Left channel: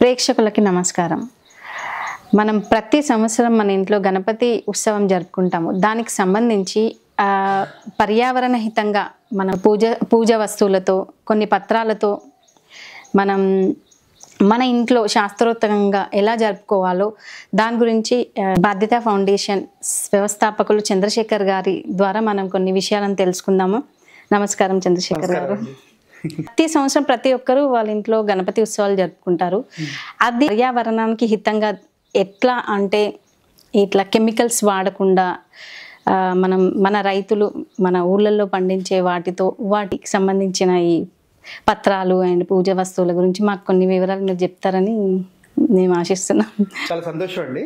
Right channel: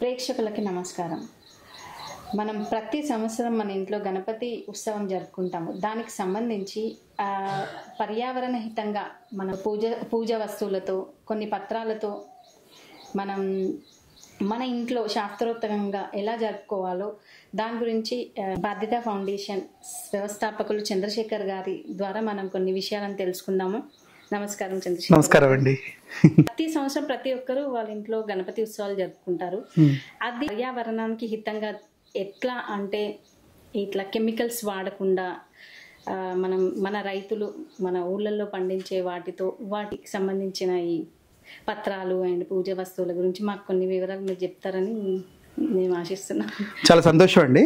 ప్రేక్షకులకి నమస్కారం. మనం ప్రతి సంవత్సరం మన ఇంట్లో గణపతి ఉత్సవం జరుపుకుంటాము. దానికి సంబంధించి పర్యావరణ హితంగా మన పూజ వస్తువులతో కొన్ని పత్రాలతో మనం మన ఇంట్లో శాస్త్రోక్తంగా ఎలా జరుపుకోవాలో దాని గురించి బాధ్యత ఫౌండేషన్ వ్యవస్థాపకులు చంద్రశేఖర్ గారి ద్వారా మనం కొన్ని విషయాలను తెలుసుకుందాము. నమస్కారం చంద్రశేఖర్ గారు. ప్రతి సంవత్సరం ప్రతి ఒక్కరు వాళ్ళ ఇంట్లో గణపతి ఉత్సవాలు జరుపుకుంటారు. అది పర్యావరణానికి హితంగా ఎట్లా అంటే ఇట్లా కెమికల్స్ వాడకుండా మన రైతులు మన ఊళ్ళల్లో పండించే వాటికి సంబంధించిన ఈ పత్రాలు అండ్ పూజ వస్తువుల గురించి మాకు కొన్ని వివరాలు మీరు చెప్తారని నేను ఆశిస్తున్నాను. చాలా సంతోషం అండి.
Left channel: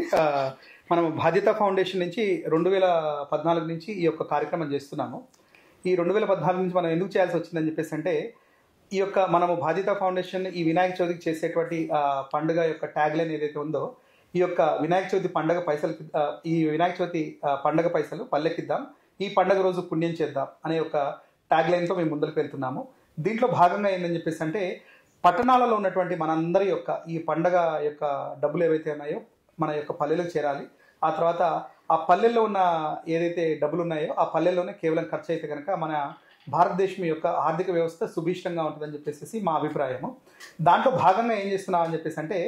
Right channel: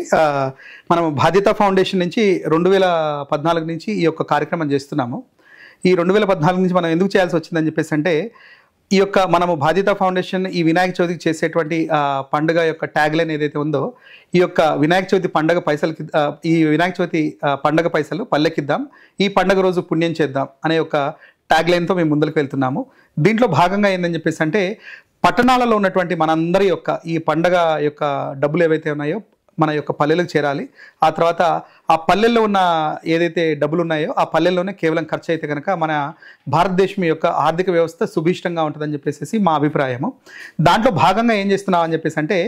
మనం బాధ్యత ఫౌండేషన్ నుంచి 2014 నుంచి ఈ యొక్క కార్యక్రమం చేస్తున్నాము. ఈ 2014 నుంచి మనం ఎందుకు చేయాల్సి వచ్చిందని చెప్పేసి అంటే ఈ యొక్క మనము బాధ్యత ఫౌండేషన్ ఈ వినాయక చవితికి చేసేటువంటి పండుగ యొక్క ట్యాగ్ లైన్ ఏదైతే ఉందో ఈ యొక్క వినాయక చవితి పండుగ పైసలకి ఈ వినాయక చవితి పండుగ పైసలు పల్లెకిద్దాం, ఈ పండుగ రోజు పుణ్యం చేద్దాం అనే ఒక ట్యాగ్ లైన్తో మేము ముందుకు వెళ్తున్నాము. దీంట్లో భాగంగా ఏంటని చెప్పేసి అంటే పట్టణాలలో ఉన్నటువంటి మనందరి యొక్క ఈ పండుగ యొక్క డబ్బులు ఏవైతే ఉన్నాయో మన యొక్క పల్లెలకు చేరాలి. ఆ తర్వాత ఆ పల్లెల్లో ఉన్న ఏదైతే డబ్బులు ఉన్నాయో ఆ పల్లెల్లోనే కేవలం ఖర్చు అయితే కనుక మన భారతదేశం యొక్క ఆర్థిక వ్యవస్థ సుభిష్టంగా ఉంటుందని చెప్పేసి మా అభిప్రాయము. దాంట్లో భాగంగా ఏం చేస్తున్నాం అని చెప్పేసి అంటే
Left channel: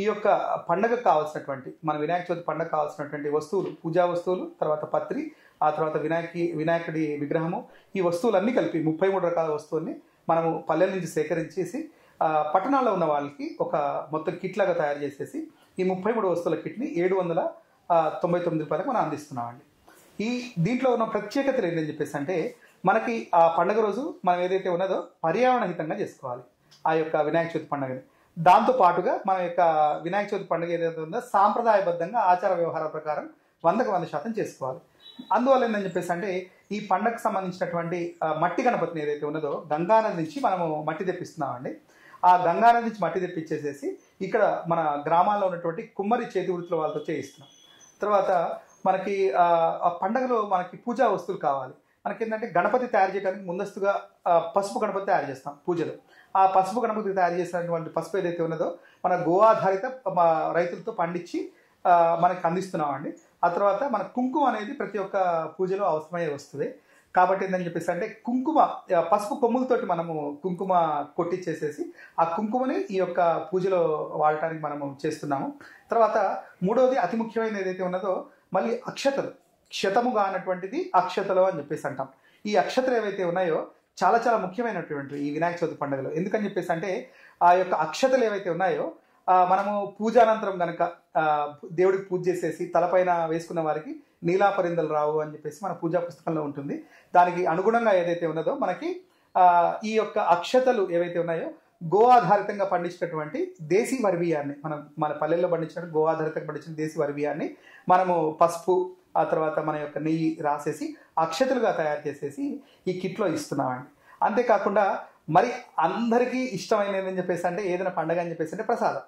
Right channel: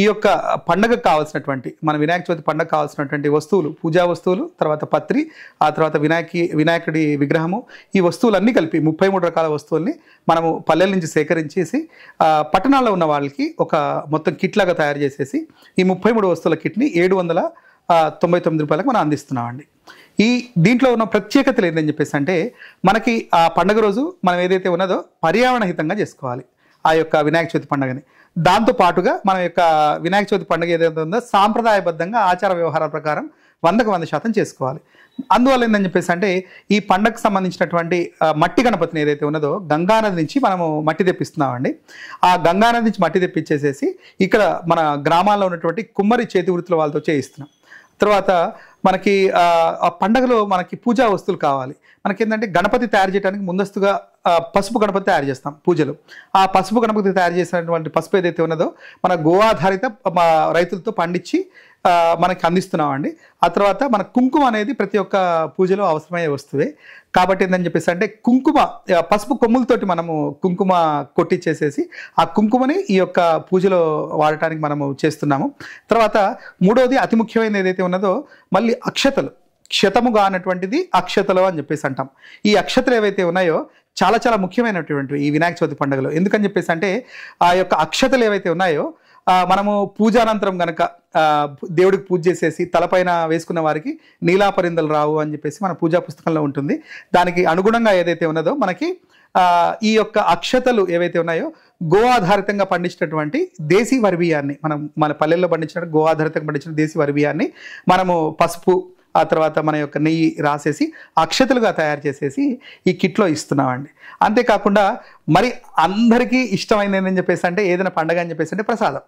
ఈ యొక్క పండుగకు కావాల్సినటువంటి మన వినాయక చవితి పండుగ కావాల్సినటువంటి వస్తువులు, పూజా వస్తువులు, తర్వాత పత్రి, ఆ తర్వాత వినాయకుడి విగ్రహము, ఈ వస్తువులన్నీ కలిపి 33 రకాల వస్తువుల్ని మనము పల్లెల నుంచి సేకరించేసి పట్టణాల్లో ఉన్న వాళ్ళకి ఒక మొత్తం కిట్ లాగా తయారు చేసేసి ఈ 33 వస్తువుల కిట్ని 799 రూపాయలకు మనం అందిస్తున్నామండి. దీంట్లో ఉన్న ప్రత్యేకతలు ఏంటని చెప్పేసి అంటే మనకి ఆ పండుగ రోజు మనం ఏదైతే ఉన్నదో పర్యావరణ హితంగా చేసుకోవాలి ఆ యొక్క వినాయక చవితి పండుగని. దాంతో పాటుగా మన యొక్క వినాయక చవితి పండుగ ఏదైతే ఉందో సాంప్రదాయబద్ధంగా ఆచార వ్యవహారాల ప్రకారం 100% చేసుకోవాలి. అందువల్ల ఏంటని చెప్పేసి అంటే ఈ పండగకు సంబంధించినటువంటి మట్టి గణపతిని ఏదైతే ఉన్నదో గంగానది నుంచి మనము మట్టి తెప్పిస్తున్నామండి. ఆ గంగానది నుంచి మట్టి తెప్పించేసేసి ఇక్కడ మన గ్రామాల్లో ఉన్నటువంటి కుమ్మరి చేతి వృత్తుల వాళ్ళతో చేయిస్తున్నాం. తర్వాత మనకి ఆ పండగలో మనకి పూజా వస్తువులు కావాలి. మనకేంటంటే గణపతి తయారు చేయడానికి ముందస్తుగా పసుపు గణపతి తయారు చేస్తాం పూజలు. ఆ పసుపు గణపతి తయారు చేసినటువంటి పసుపు ఏదైతే ఉన్నదో మన గో ఆధారిత రైతులతో పండించి మనకి అందిస్తున్నామండి. ఆ తర్వాత మన కుంకుమ అనేది ప్రతి ఒక్క పూజలో అవసరమయ్యే వస్తువే కాబట్టి ఏంటని చెప్పేసి అంటే కుంకుమ పసుపు కొమ్ములతోటి మనము కుంకుమ కొట్టించేసేసి ఆ కుంకుమని ఈ యొక్క పూజలో వాడటానికి మనము చేస్తున్నాము. తర్వాత మూడవది అతి ముఖ్యమైనది ఏదైతే ఉన్నదో మళ్ళీ అక్షతలు, క్షతముగా అన్నటువంటిది అక్షతలు అని చెప్పేసి అంటాం. ఈ అక్షతలు ఏవైతే ఉన్నాయో చాలా చాలా ముఖ్యమైనటువంటి ఈ వినాయక చవితి పండుగలో. ఎందుకని చెప్పేసి అంటే ఆ యొక్క అక్షతలు ఏవైతే ఉన్నాయో మనము పూజానంతరం గనక దేవుడికి పూజ చేసేసి తలపైన వేసుకున్న వారికి నీలాపరిందలు రావు అని చెప్పేసి మన పూజా పుస్తకంలో ఉంటుంది. దానికి అనుగుణంగా ఏదైతే ఉన్నదో మనకి ఈ యొక్క అక్షతలు ఏవైతే ఉన్నాయో గో ఆధారితంగా పండించినటువంటి దేశీ వరి బియ్యాన్ని మన పల్లెల్లో పండించిన గో ఆధారితంగా పండించిన దేశీ వరి బియ్యాన్ని మనము పసుపు ఆ తర్వాత మన యొక్క నెయ్యి రాసేసి అక్షతలుగా తయారు చేసేసి ఈ కిట్లో ఇస్తున్నామండి. అంతేకాకుండా మరి అందరికీ ఇష్టమైనది ఏంటని చెప్పేసి అంటే ఏదైనా పండగ అని చెప్పేసి అంటే ప్రసాదం.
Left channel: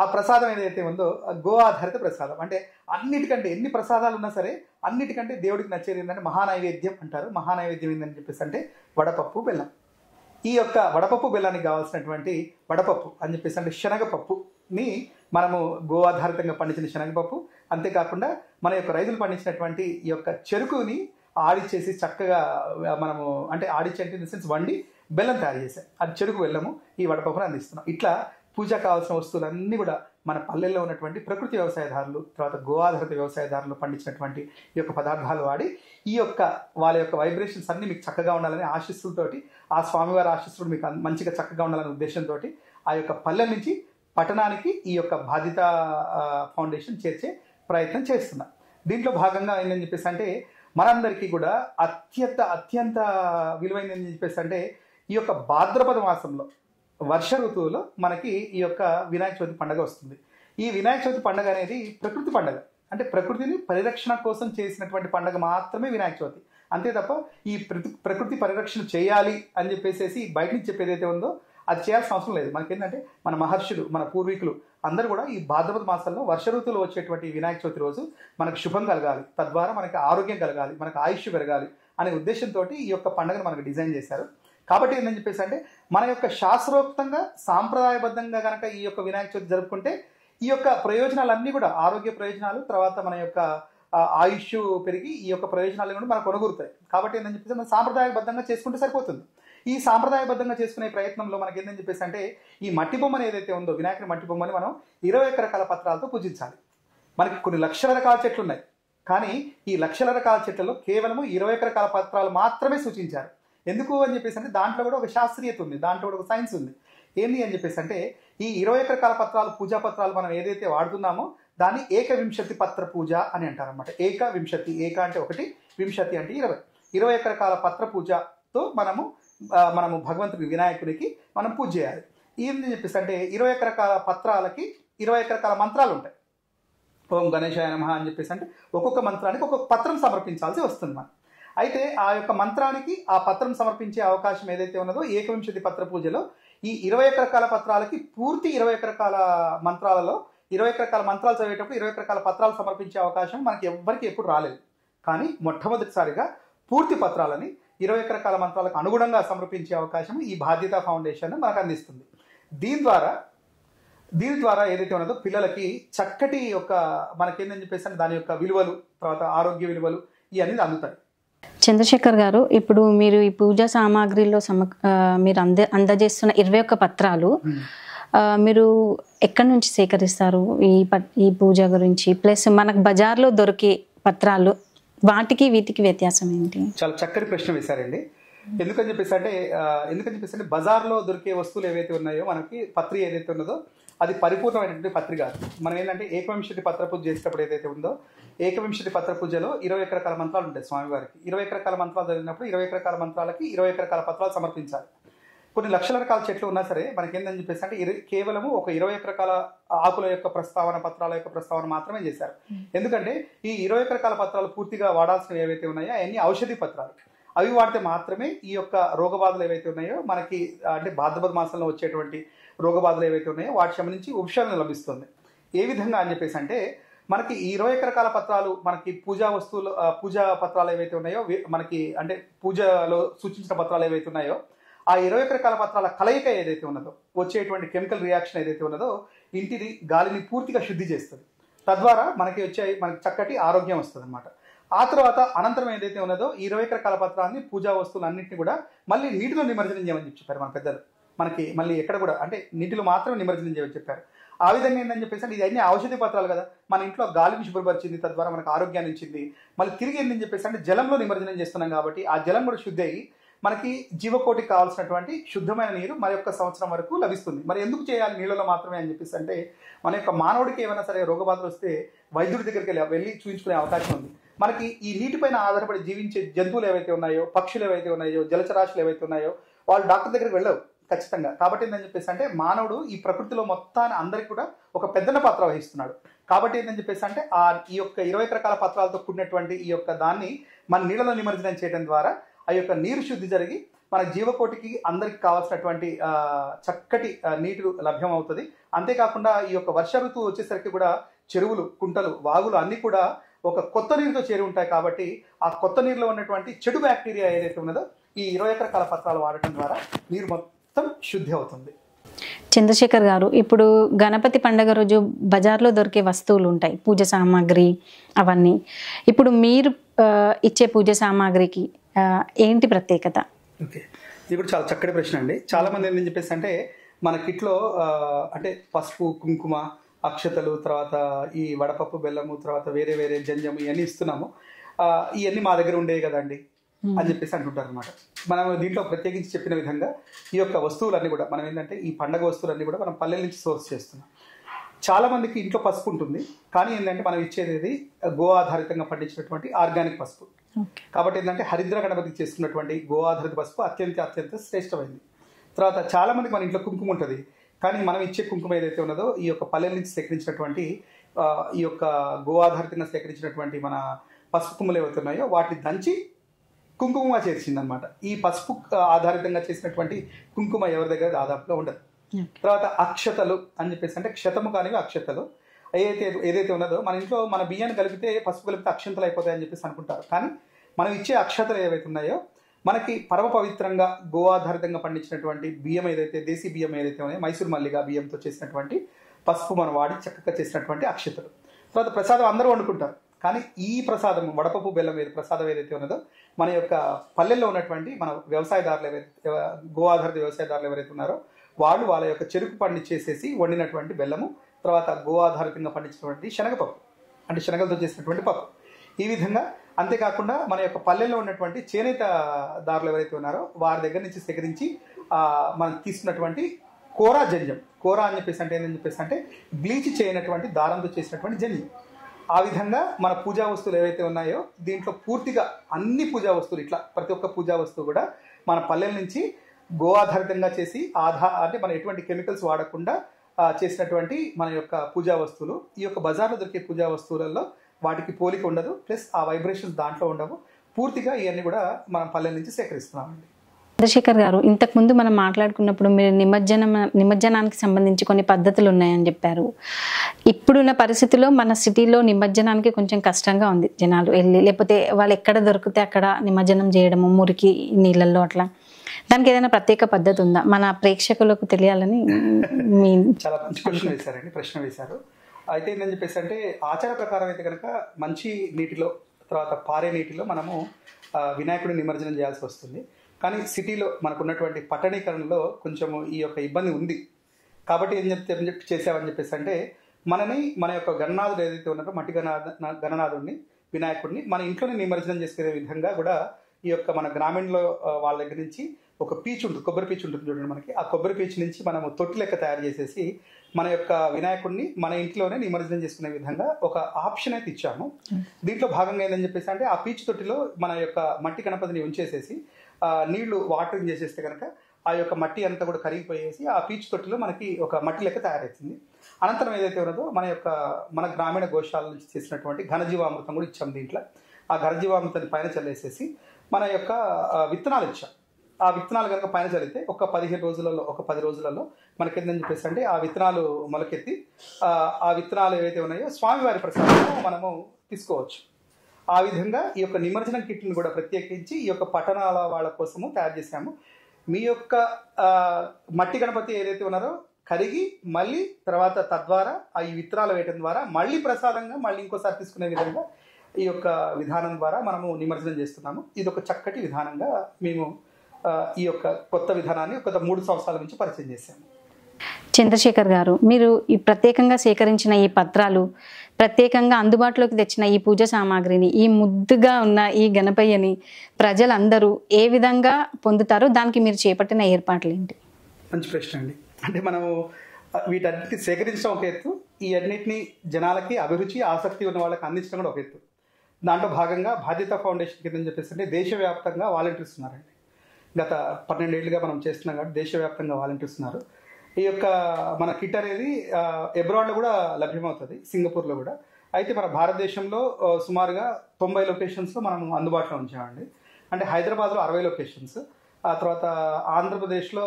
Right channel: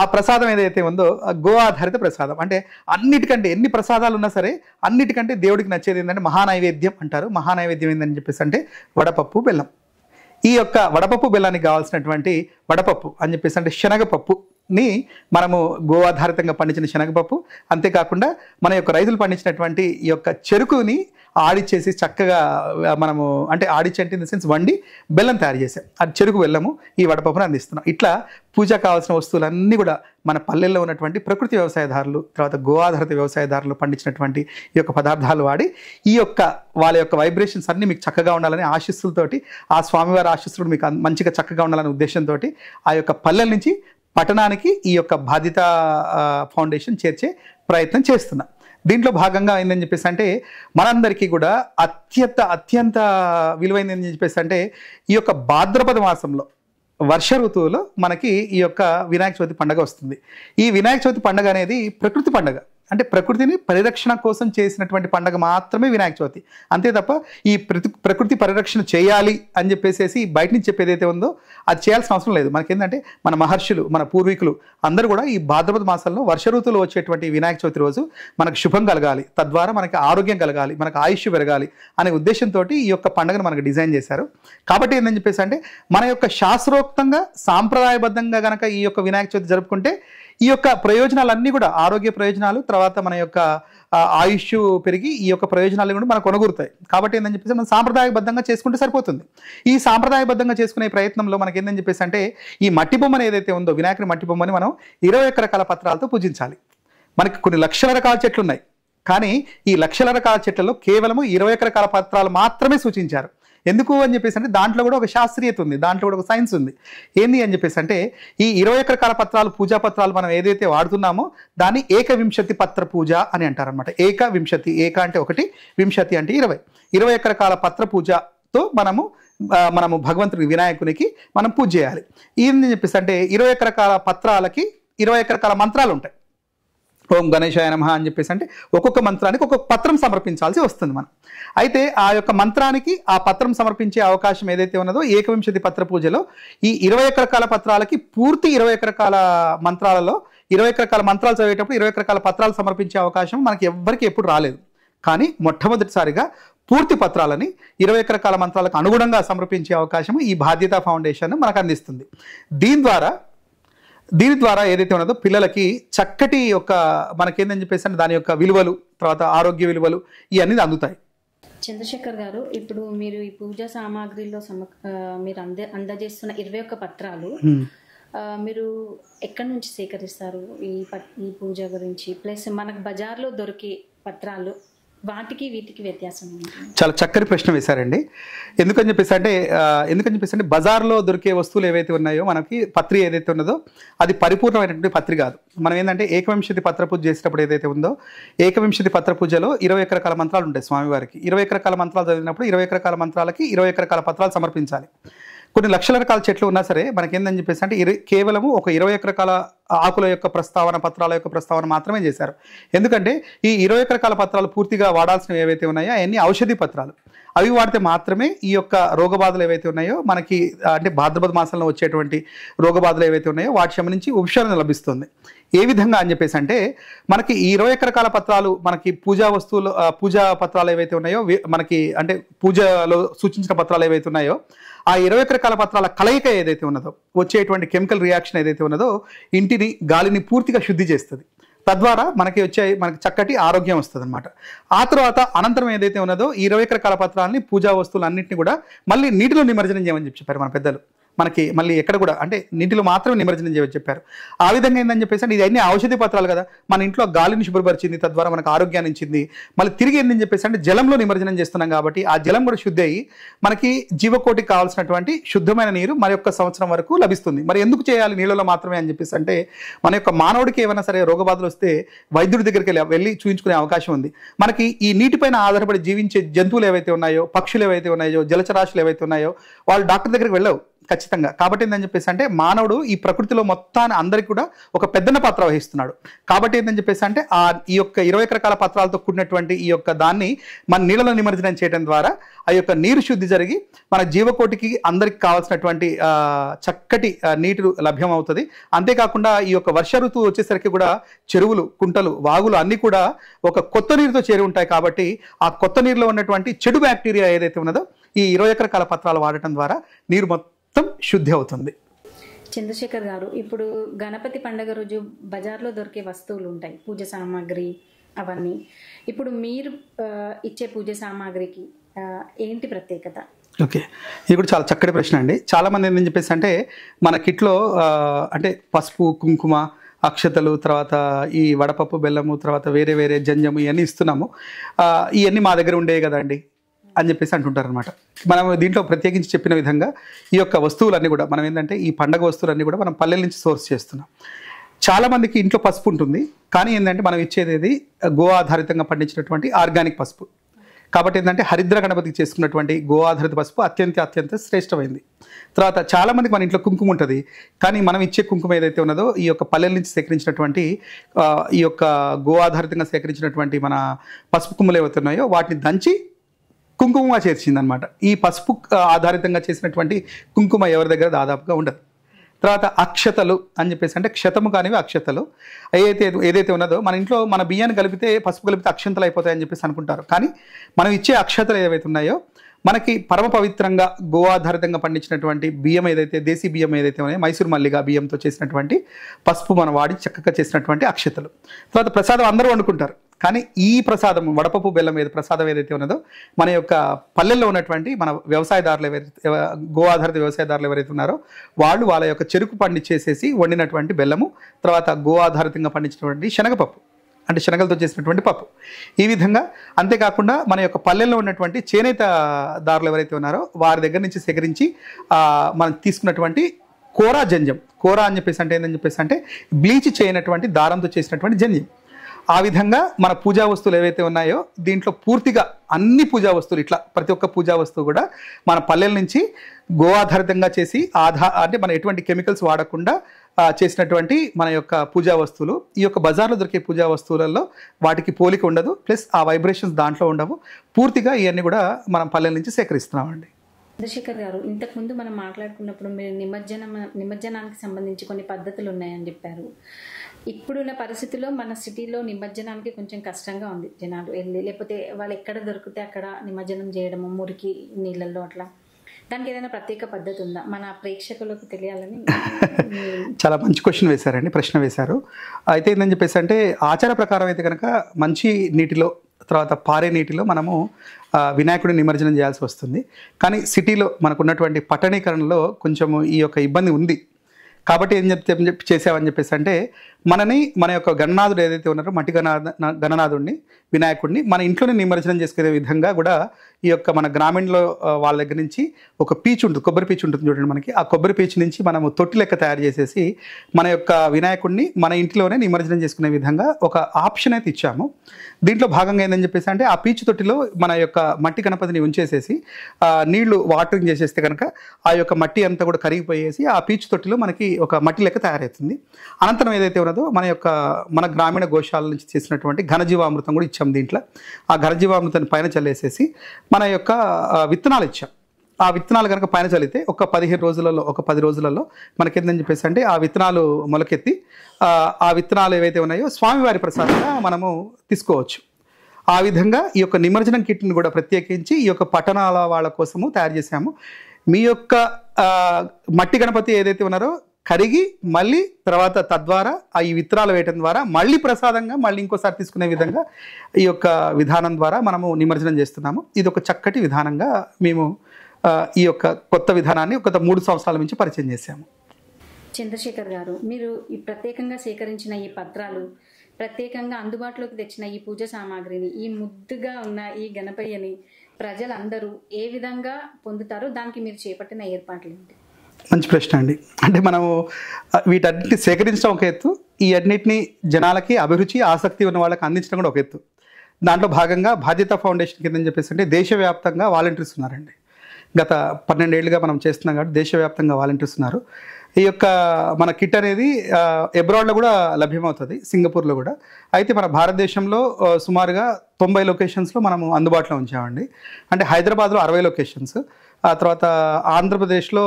ఆ ప్రసాదం ఏదైతే ఉందో గో ఆధారిత ప్రసాదం. అంటే అన్నిటికంటే ఎన్ని ప్రసాదాలు ఉన్నా సరే అన్నిటికంటే దేవుడికి నచ్చేది ఏంటంటే మహానైవేద్యం అంటారు. మహానైవేద్యం ఏంటని చెప్పేసి అంటే వడపప్పు బెల్లం. ఈ యొక్క వడపప్పు బెల్లానికి కావాల్సినటువంటి వడపప్పు అని చెప్పేసి అంటే శనగపప్పుని మనము గో ఆధారితంగా పండించిన శనగపప్పు, అంతేకాకుండా మన యొక్క రైతులు పండించినటువంటి ఈ యొక్క చెరుకుని ఆడిచ్చేసి చక్కగా మనము అంటే ఆడిచ్చి అంటే ఇన్ ద సెన్స్ వండి బెల్లం తయారు చేసాం. అది చెరుకు బెల్లము ఈ వడపప్పును అందిస్తున్నాం. ఇట్లా పూజ కావాల్సిన వస్తువులన్నీ కూడా మన పల్లెల్లో ఉన్నటువంటి ప్రకృతి వ్యవసాయదారులు, తర్వాత గో ఆధారిత వ్యవసాయదారులు పండించినటువంటి ఈ యొక్క పదార్థాలు వాడి ఈ యొక్క వాళ్ళ యొక్క వైబ్రేషన్స్ అన్నీ మీకు చక్కగా ఉండాలని ఆశీస్సులతోటి ఆ స్వామివారి ఆశీస్సులు మీకు మంచిగా చక్కగా ఉండాలనే ఉద్దేశంతో ఆ యొక్క పల్లెల నుంచి పట్టణానికి ఈ యొక్క బాధ్యత ఫౌండేషన్ చేర్చే ప్రయత్నం చేస్తున్నాం. దీంట్లో భాగంగా ఏందని చెప్పేసి అంటే మనందరికీ కూడా అత్యంత విలువైందని చెప్పేసి అంటే ఈ యొక్క భాద్రపద మాసంలో వర్ష ఋతువులో మనకి ఈ యొక్క వినాయక చవితి పండుగ వస్తుంది. ఈ వినాయక చవితి పండుగ అనేది ప్రకృతి పండుగ. అంటే ప్రకృతిని పరిరక్షణ కోసం చేసినటువంటి పండగ మాత్రమే వినాయక చవితి. అంతే తప్ప ఈ ప్రకృతి పరిరక్షణ చేయాలి అని చెప్పేసి బయట నుంచి చెప్పేది ఏదైతే ఉందో అది చేయాల్సిన అవసరం లేదు. మనకేంటంటే మన మహర్షులు, మన పూర్వీకులు అందరూ కూడా ఈ భాద్రపద మాసంలో వర్ష ఋతువులో వచ్చేటువంటి వినాయక చవితి రోజు మనకు శుభం కలగాలి, తద్వారా మనకి ఆరోగ్యం కలగాలి, మనకు ఆయుష్ పెరగాలి అనే ఉద్దేశంతో ఈ యొక్క పండుగను మనకు డిజైన్ చేశారు. కాబట్టి ఏంటని చెప్పేసి అంటే మన యొక్క శాస్త్రోక్తంగా సాంప్రదాయబద్ధంగా కనుక ఈ యొక్క వినాయక చవితి జరుపుకుంటే ఈ యొక్క ప్రయోజనాలన్నీ కూడా ఆరోగ్య ప్రయోజనాలు, తర్వాత మన యొక్క ఆయుష్ పెరిగి ఈ యొక్క ప్రయోజనాలు కూడా మనకు కొనగూరుతాయి. కాబట్టి ఏంటని చెప్పేసి మనం సాంప్రదాయబద్ధంగా చేసుకుంటే సరిపోతుంది. ఈ సాంప్రదాయబద్ధంగా చేసుకునే ప్రయత్నంలో మనకి ఏంటని చెప్పేసి అంటే ఈ మట్టి బొమ్మను ఏదైతే ఉందో వినాయకుడి మట్టి బొమ్మని మనం 21 రకాల పత్రాలతో పూజించాలి. మనకి కొన్ని లక్షల రకాల చెట్లు ఉన్నాయి, కానీ ఈ లక్షల రకాల చెట్లలో కేవలము 21 రకాల పత్రాలు మాత్రమే సూచించారు. ఎందుకు అని చెప్పేసి అంటే దాంట్లో కూడా ఒక శాస్త్రీయత ఉంది, దాంట్లో కూడా ఒక సైన్స్ ఉంది. ఏంది అని చెప్పేసి అంటే ఈ 21 రకాల పత్రాలు, పూజా పత్రాలు మనం ఏదైతే వాడుతున్నామో దాన్ని ఏకవింశతి పత్ర పూజ అని అంటారనమాట. ఏకవింశతి, ఏక అంటే 1, వింశతి అంటే 20. 21 రకాల పత్ర పూజతో మనము భగవంతుడికి, వినాయకునికి మనం పూజ చేయాలి. ఏంది చెప్పేసి అంటే 21 రకాల పత్రాలకి 21 రకాల మంత్రాలు ఉంటాయి. ఓం గణేశాయ నమః అని చెప్పేసి అంటే ఒక్కొక్క మంత్రానికి ఒక్కొక్క పత్రం సమర్పించాల్సి వస్తుంది మనం. అయితే ఆ యొక్క మంత్రానికి ఆ పత్రం సమర్పించే అవకాశం ఏదైతే ఉన్నదో ఏకవింశతి పత్ర పూజలో ఈ 21 రకాల పత్రాలకి పూర్తి 21 రకాల మంత్రాలలో 21 రకాల మంత్రాలు చదివేటప్పుడు 21 రకాల పత్రాలు సమర్పించే అవకాశం మనకి ఎవ్వరికి ఎప్పుడు రాలేదు. కానీ మొట్టమొదటిసారిగా పూర్తి పత్రాలని 21 రకాల మంత్రాలకు అనుగుణంగా సమర్పించే అవకాశం ఈ బాధ్యత ఫౌండేషన్ మనకు అందిస్తుంది. దీని ద్వారా ఏదైతే ఉన్నదో పిల్లలకి చక్కటి యొక్క మనకేందని చెప్పేసి అంటే దాని యొక్క విలువలు, తర్వాత ఆరోగ్య విలువలు ఇవన్నీ అందుతాయి. చంద్రశేఖర్ గారు, ఇప్పుడు మీరు ఈ పూజా సామాగ్రిలో మీరు అందజేస్తున్న 21 పత్రాలు మీరు ఎక్కడి నుంచి సేకరిస్తారు? ఈ పూజ గురించి ప్లస్ మనకు బజార్లో దొరికే పత్రాలు వాటికి వీటికి వ్యత్యాసం ఏంటి? చాలా చక్కటి ప్రశ్న వేశారండి. ఎందుకని చెప్పేసి అంటే బజార్లో దొరికే వస్తువులు ఏవైతే ఉన్నాయో మనకి పత్రి ఏదైతే ఉన్నదో అది పరిపూర్ణమైనటువంటి పత్రి కాదు. మనం ఏంటంటే ఏకవింశతి పత్ర పూజ చేసేటప్పుడు ఏదైతే ఉందో ఏకవింశతి పత్ర పూజలో 21 రకాల మంత్రాలు ఉంటాయి స్వామివారికి. 21 రకాల మంత్రాలు చదివినప్పుడు 21 రకాల మంత్రాలకి 21 రకాల పత్రాలు సమర్పించాలి. కొన్ని లక్షల రకాల చెట్లు ఉన్నా సరే మనకేందని చెప్పేసి అంటే కేవలము ఒక 21 రకాల ఆకుల యొక్క ప్రస్తావన, పత్రాల యొక్క ప్రస్తావన మాత్రమే చేశారు. ఎందుకంటే ఈ 21 రకాల పత్రాలు పూర్తిగా వాడాల్సినవి ఏవైతే ఉన్నాయో అవన్నీ ఔషధి పత్రాలు. అవి వాడితే మాత్రమే ఈ యొక్క రోగబాధలు ఏవైతే ఉన్నాయో మనకి అంటే భాద్రపద మాసంలో వచ్చేటువంటి రోగబాధలు ఏవైతే ఉన్నాయో వాటి సంబంధించి ఉపశమనం లభిస్తుంది. ఏ విధంగా అని చెప్పేసి అంటే మనకి ఈ 21 రకాల పత్రాలు మనకి పూజా వస్తువులు, పూజా పత్రాలు ఏవైతే ఉన్నాయో మనకి అంటే పూజలో సూచించిన పత్రాలు ఏవైతే ఉన్నాయో ఆ 21 రకాల పత్రాల కలయిక ఏదైతే ఉన్నదో వచ్చేటువంటి కెమికల్ రియాక్షన్ ఏదైతే ఉన్నదో ఇంటిని, గాలిని పూర్తిగా శుద్ధి చేస్తుంది. తద్వారా మనకి చక్కటి ఆరోగ్యం వస్తుంది అనమాట. ఆ తర్వాత అనంతరం ఏదైతే ఉన్నదో ఈ 21 రకాల పత్రాలని, పూజా వస్తువులు అన్నింటినీ కూడా మళ్ళీ నీటిలో నిమజ్జనం చేయమని చెప్పారు మన పెద్దలు. మనకి మళ్ళీ ఎక్కడ కూడా అంటే నీటిలో మాత్రమే నిమజ్జనం చేయమని చెప్పారు. ఆ విధంగా ఏంటని చెప్పేసి అంటే ఇది అన్ని ఔషధి పత్రాలు కదా, మన ఇంట్లో గాలిని శుభ్రపరిచింది, తద్వారా మనకు ఆరోగ్యాన్ని ఇచ్చింది. మళ్ళీ తిరిగి ఏంటని చెప్పేసి అంటే జలంలో నిమజ్జనం చేస్తున్నాం కాబట్టి ఆ జలం కూడా శుద్ధి అయ్యి మనకి జీవకోటికి కావాల్సినటువంటి శుద్ధమైన నీరు మరి యొక్క సంవత్సరం వరకు లభిస్తుంది. మరి ఎందుకు చేయాలి నీళ్ళలో మాత్రమే అని చెప్పేసి అంటే మన యొక్క మానవుడికి ఏమైనా సరే రోగబాధలు వస్తే వైద్యుడి దగ్గరికి వెళ్ళి చూపించుకునే అవకాశం ఉంది. మనకి ఈ నీటిపైన ఆధారపడి జీవించే జంతువులు ఏవైతే ఉన్నాయో, పక్షులు ఏవైతే ఉన్నాయో, జలచరాశులు ఏవైతే ఉన్నాయో వాళ్ళు డాక్టర్ దగ్గరికి వెళ్ళవు ఖచ్చితంగా. కాబట్టి ఏంటని చెప్పేసి అంటే మానవుడు ఈ ప్రకృతిలో మొత్తాన్ని అందరికీ కూడా ఒక పెద్దన్న పాత్ర వహిస్తున్నాడు. కాబట్టి ఏంటని చెప్పేసి అంటే ఈ యొక్క 21 రకాల పత్రాలతో కూడినటువంటి ఈ యొక్క దాన్ని మన నీళ్ళలో నిమజ్జనం చేయడం ద్వారా ఆ యొక్క నీరు శుద్ధి జరిగి మన జీవకోటికి అందరికి కావాల్సినటువంటి చక్కటి నీరు లభ్యం అవుతుంది. అంతేకాకుండా ఈ యొక్క వర్ష ఋతువు వచ్చేసరికి కూడా చెరువులు, కుంటలు, వాగులు అన్నీ కూడా ఒక కొత్త నీరుతో చేరి ఉంటాయి. కాబట్టి ఆ కొత్త నీరులో ఉన్నటువంటి చెడు బ్యాక్టీరియా ఏదైతే ఉన్నదో ఈ 21 రకాల పత్రాలు వాడటం ద్వారా నీరు మొత్తం శుద్ధి అవుతుంది. చంద్రశేఖర్ గారు, ఇప్పుడు గణపతి పండుగ రోజు బజార్లో దొరికే వస్తువులు ఉంటాయి, పూజ సామాగ్రి అవన్నీ. ఇప్పుడు మీరు ఇచ్చే పూజ సామాగ్రికి ఏంటి ప్రత్యేకత? ఓకే, ఇది కూడా చాలా చక్కటి ప్రశ్న అండి. చాలామంది ఏంటని చెప్పేసి అంటే మన కిట్లో అంటే పసుపు, కుంకుమ, అక్షతలు, తర్వాత ఈ వడపప్పు, బెల్లము, తర్వాత వేరే వేరే జంజము ఇవన్నీ ఇస్తున్నాము. ఇవన్నీ మా దగ్గర ఉండేవి కదండి అని చెప్పేసి అంటుంటారు అనమాట. మనం దీంట్లో ప్రత్యేకించి చెప్పిన విధంగా ఈ యొక్క వస్తువులన్నీ కూడా మనం ఏంటంటే ఈ పండగ వస్తువులన్నీ కూడా మనం పల్లెల నుంచి సోర్స్ చేస్తున్నాం. చాలా మందికి ఇంట్లో పసుపు ఉంటుంది, కానీ ఏంటంటే మనం ఇచ్చేది గో ఆధారితంగా పండించినటువంటి ఆర్గానిక్ పసుపు. కాబట్టి ఏంటంటే హరిద్ర గణపతికి చేసుకున్నటువంటి గో ఆధారిత పసుపు అత్యంత శ్రేష్టమైంది. తర్వాత చాలా మందికి మన ఇంట్లో కుంకుమ ఉంటుంది, కానీ మనం ఇచ్చే కుంకుమ ఏదైతే ఉన్నదో ఈ యొక్క పల్లెల నుంచి సేకరించినటువంటి ఈ యొక్క గో ఆధారితంగా సేకరించినటువంటి మన పసుపు కొమ్ములు ఏవైతే ఉన్నాయో వాటిని దంచి కుంకుమగా చేర్చింది అనమాట. ఈ పసుపు ఆధారితంగా చేసినటువంటి కుంకుమ ఎవరి దగ్గర దాదాపుగా ఉండదు. తర్వాత అక్షతలు అని చెప్పేసి, అంటే క్షతము కానివి అక్షతలు ఏదైతే ఉన్నదో మన ఇంట్లో మన బియ్యాన్ని కలిపితే పసుపు కలిపితే అక్షంతలు అయిపోతాయని చెప్పేసి అనుకుంటారు. కానీ మనం ఇచ్చే అక్షతలు ఏవైతే ఉన్నాయో మనకి పరమ పవిత్రంగా గో ఆధారితంగా పండించినటువంటి బియ్యం ఏదైతే దేశీ బియ్యం ఏదైతే ఉన్నాయో మైసూర్ మల్లిగా బియ్యంతో చేసినటువంటి పసుపు మనం వాడి చక్కగా చేసినటువంటి అక్షతలు. తర్వాత ప్రసాదం అందరూ వండుకుంటారు, కానీ ఈ ప్రసాదం వడపప్పు బెల్లం ప్రసాదం ఏదైతే ఉన్నదో మన యొక్క పల్లెల్లో ఉన్నటువంటి మన వ్యవసాయదారులు ఎవరైతే గో ఆధారిత వ్యవసాయదారులు ఎవరైతే ఉన్నారో వాళ్ళు వాళ్ళ యొక్క చెరుకు పండించేసేసి వండినటువంటి బెల్లము, తర్వాత గో ఆధారితంగా పండించినటువంటి శనగపప్పు అంటే శనగలతో చేసినటువంటి పప్పు. ఈ విధంగా అంతేకాకుండా మన యొక్క పల్లెల్లో ఉన్నటువంటి చేనేత దారులు ఎవరైతే ఉన్నారో వారి దగ్గర నుంచి సేకరించి మనం తీసుకున్నటువంటి కోరా జంజం, కోరా అని చెప్పేసి అంటే ఏంటని చెప్పేసి అంటే బ్లీచ్ చేయనటువంటి దారంతో చేసినటువంటి జంజం. ఆ విధంగా మన పూజా వస్తువులు ఏవైతే ఉన్నాయో దీంట్లో పూర్తిగా అన్ని పూజా వస్తువులు ఇట్లా ప్రతి ఒక్క పూజా వస్తువు కూడా మన పల్లెల నుంచి గో ఆధారితంగా చేసి అంటే మన ఎటువంటి కెమికల్స్ వాడకుండా చేసినటువంటి మన యొక్క పూజా వస్తువులు. ఈ యొక్క బజార్లో దొరికే పూజా వస్తువులలో వాటికి పోలిక ఉండదు, ప్లస్ ఆ వైబ్రేషన్స్ దాంట్లో ఉండవు. పూర్తిగా ఇవన్నీ కూడా మనం పల్లెల నుంచి సేకరిస్తున్నామండి. చంద్రశేఖర్ గారు, ఇంతకుముందు మనం మాట్లాడుకున్నప్పుడు మీరు నిమజ్జనానికి సంబంధించి కొన్ని పద్ధతులు ఉన్నాయని చెప్పారు. ఇప్పుడున్న పరిస్థితుల్లో మన సిటీలో నిమజ్జనానికి కొంచెం కష్టంగా ఉంది. జనాలు వెళ్ళి లేకపోతే వాళ్ళు ఎక్కడ దొరికితే అక్కడ నిమజ్జనం చేయడము మురికి నీళ్ళల్లో అట్లా. దానికి ఏదైనా ప్రత్యేక పద్ధతి ఉందా మన ప్రేక్షకులకు తెలియాలని? చాలా మంచి క్వశ్చన్ వేశారండి, ప్రశ్న వేశారు. అయితే ఏంటని చెప్పేసి అంటే ఆచార ప్రకారం అయితే కనుక మంచి నీటిలో తర్వాత పారే నీటిలో మనము వినాయకుడిని నిమజ్జనం చేయాల్సి వస్తుంది. కానీ సిటీలో మనకు ఉన్నటువంటి పట్టణీకరణలో కొంచెము ఈ యొక్క ఇబ్బంది ఉంది. కాబట్టి ఏం చేసామని చెప్పేసి అంటే మన యొక్క గణనాథుడు ఏదైతే ఉన్నారో మట్టి గణనాథుడిని వినాయకుడిని మన ఇంట్లోనే నిమజ్జనం చేసుకునే విధంగా కూడా ఈ యొక్క మన గ్రామీణలో వాళ్ళ దగ్గర నుంచి ఒక పీచు ఉంటుంది, కొబ్బరి పీచు ఉంటుంది చూడండి మనకి. ఆ కొబ్బరి పీచు నుంచి మనము తొట్టి లెక్క తయారు చేసేసి మన యొక్క వినాయకుడిని మన ఇంట్లోనే నిమజ్జనం చేసుకునే విధంగా ఒక ఆప్షన్ అయితే ఇచ్చాము. దీంట్లో భాగంగా ఏందని చెప్పేసి అంటే ఆ పీచు తొట్టిలో మన యొక్క మట్టి గణపతిని ఉంచేసేసి నీళ్లు వాటరింగ్ చేసేస్తే కనుక ఆ యొక్క మట్టి అంతా కూడా కరిగిపోయేసి ఆ పీచు తొట్టిలో మనకి ఒక మట్టి లెక్క తయారవుతుంది. అనంతరం ఏదైతే ఉన్నదో మన గ్రామీణ గోశాల నుంచి చేసినటువంటి ఘనజీవామృతం కూడా ఇచ్చాం దీంట్లో. ఆ ఘనజీవామృతాన్ని పైన చల్లేసేసి మన యొక్క విత్తనాలు ఇచ్చాం. ఆ విత్తనాలు కనుక పైన చల్లితే ఒక 15 రోజులలో ఒక 10 రోజులలో మనకేందని చెప్పేసి అంటే ఆ విత్తనాలు మొలకెత్తి ఆ విత్తనాలు ఏవైతే ఉన్నాయో స్వామివారి ప్రసాదంగా మనము తీసుకోవచ్చు. ఆ విధంగా ఈ యొక్క నిమజ్జనం కిట్ని కూడా ప్రత్యేకించి ఈ యొక్క పట్టణాల వాళ్ళ కోసము తయారు చేశాము. మీ యొక్క మట్టి గణపతి ఏదైతే ఉన్నారో కరిగి మళ్ళీ తర్వాత తద్వారా ఈ విత్తనాలు వేయటం ద్వారా మళ్ళీ ప్రసాదంగా మళ్ళీ ఇంకోసారి తీసుకునే విధంగా ఈ యొక్క విధానం ద్వారా మనము నిమజ్జనం చేస్తున్నాము. ఇది ఒక చక్కటి విధానంగా మేము ఈ యొక్క కొత్త విధానాన్ని గత 3 సంవత్సరాల నుంచి పరిచయం చేశాము. చంద్రశేఖర్ గారు, మీరు ఈ ప్రత్యేకంగా సేకరించిన ఈ పత్రాలు, ప్రత్యేకంగా అందుబాటులోకి తెచ్చిన ఈ పూజ సామాగ్రిని, ఈ ముద్దుగా ఉన్న ఈ గణపయ్యని ప్రజలందరూ ఏ విధంగా పొందుతారో దానికి మీరు చేపట్టిన ఏర్పాట్లు ఏంటి? మంచి ప్రశ్న అండి. అంటే మనము వీటన్నిటిని సేకరించడం ఒక ఎత్తు, ఈ అన్నిటిని జనాలకి అభిరుచి ఆసక్తి ఉన్న వాళ్ళకి అందించడం కూడా ఒక ఎత్తు. దాంట్లో భాగంగా బాధ్యత ఫౌండేషన్ కింద చెప్పేసి అంటే దేశవ్యాప్తంగా వాలంటీర్స్ ఉన్నారండి. గత 12 ఏళ్ళుగా మనం చేస్తున్నాం కాబట్టి దేశవ్యాప్తంగా వాలంటీర్స్ ఉన్నారు. ఈ యొక్క మన కిట్ అనేది అబ్రాడ్లో కూడా లభ్యమవుతుంది, సింగపూర్లో కూడా. అయితే మన భారతదేశంలో సుమారుగా 90 లొకేషన్స్లో మనము అందుబాటులో ఉంచామండి. అంటే హైదరాబాద్లో 60 లొకేషన్స్, ఆ తర్వాత ఆంధ్రప్రదేశ్లో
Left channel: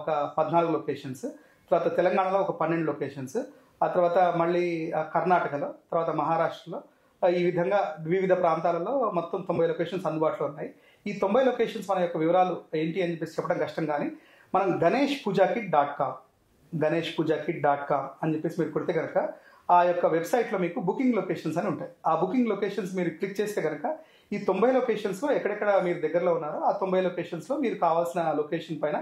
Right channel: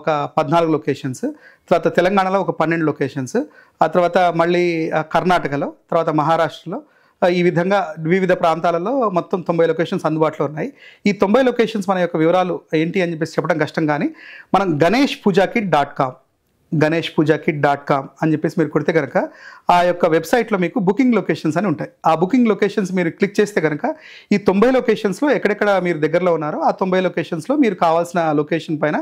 ఒక 14 లొకేషన్స్, తర్వాత తెలంగాణలో ఒక 12 లొకేషన్స్, ఆ తర్వాత మళ్ళీ కర్ణాటకలో, తర్వాత మహారాష్ట్రలో, ఈ విధంగా వివిధ ప్రాంతాలలో మొత్తం 90 లొకేషన్స్ అందుబాటులో ఉన్నాయి. ఈ 90 లొకేషన్స్ మన యొక్క వివరాలు ఏంటి అని చెప్పేసి చెప్పడం కష్టం, కానీ మనం ganeshpujakit.com అని చెప్పేసి మీరు కొడితే కనుక ఆ యొక్క వెబ్సైట్లో మీకు బుకింగ్ లొకేషన్స్ అని ఉంటాయి. ఆ బుకింగ్ లొకేషన్స్ మీరు క్లిక్ చేస్తే కనుక ఈ 90 లొకేషన్స్లో ఎక్కడెక్కడ మీరు దగ్గరలో ఉన్నారో ఆ 90 లొకేషన్స్లో మీరు కావాల్సిన లొకేషన్ పైన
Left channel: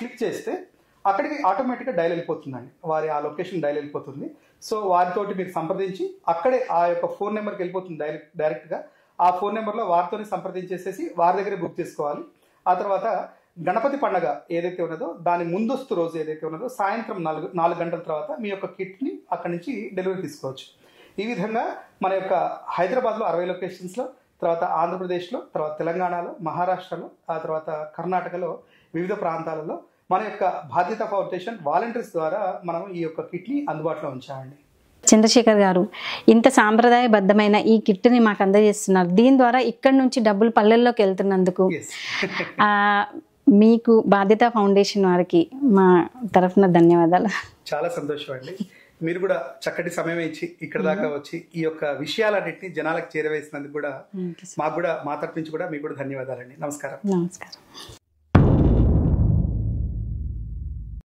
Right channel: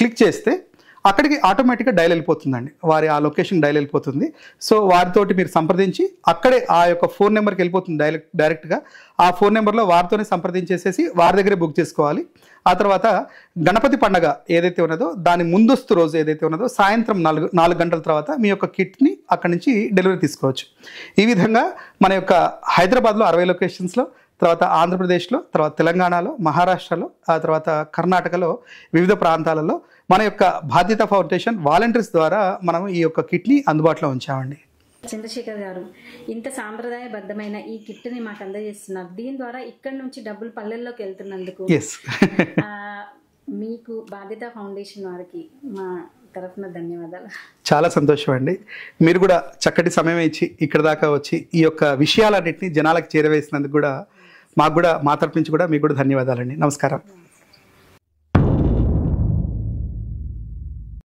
క్లిక్ చేస్తే అక్కడికి ఆటోమేటిక్గా డైల్ వెళ్ళిపోతుందండి. వారి ఆ లొకేషన్ డైల్ వెళ్ళిపోతుంది. సో వారితోటి మీరు సంప్రదించి అక్కడే ఆ యొక్క ఫోన్ నెంబర్కి వెళ్ళిపోతుంది డైరెక్ట్గా. ఆ ఫోన్ నెంబర్లో వారితోనే సంప్రదించేసేసి వారి దగ్గరే బుక్ చేసుకోవాలి. ఆ తర్వాత గణపతి పండగ ఏదైతే ఉన్నదో దాని ముందస్తు రోజు ఏదైతే ఉన్నదో సాయంత్రం 4 గంటల తర్వాత మీ యొక్క కిట్ని అక్కడి నుంచి డెలివరీ తీసుకోవచ్చు. ఈ విధంగా మన యొక్క హైదరాబాద్లో 60 లొకేషన్స్లో, తర్వాత ఆంధ్రప్రదేశ్లో, తర్వాత తెలంగాణలో, మహారాష్ట్రలో, ఆ తర్వాత కర్ణాటకలో వివిధ ప్రాంతాలలో మన యొక్క బాధ్యత ఫౌండేషన్ వాలంటీర్స్ ద్వారా మనం ఈ యొక్క కిట్ని అందుబాటులో ఉంచామండి. చంద్రశేఖర్ గారు, ఇంత సాంప్రదాయబద్ధమైన ఈ కిట్ని మాకు అందజేస్తున్నారు. దీని ద్వారా ఇక్కడ నుంచి డబ్బులు పల్లెల్లోకి వెళ్తున్నందుకు మీకు బాధ్యత ఫౌండేషన్ వారికి మా తరఫున ధన్యవాదాలు. చాలా సంతోషం అండి. మీరు కూడా చక్కటి సమయం ఇచ్చి ఇక్కడ దాకా వచ్చి ఈ యొక్క విషయాలన్నింటినీ జనాలకు చేరవేసినందుకు కూడా మాకు కూడా మా తరఫు నుంచి కూడా మీకు కూడా ధన్యవాదాలండి. నమస్కారం. నమస్కారం.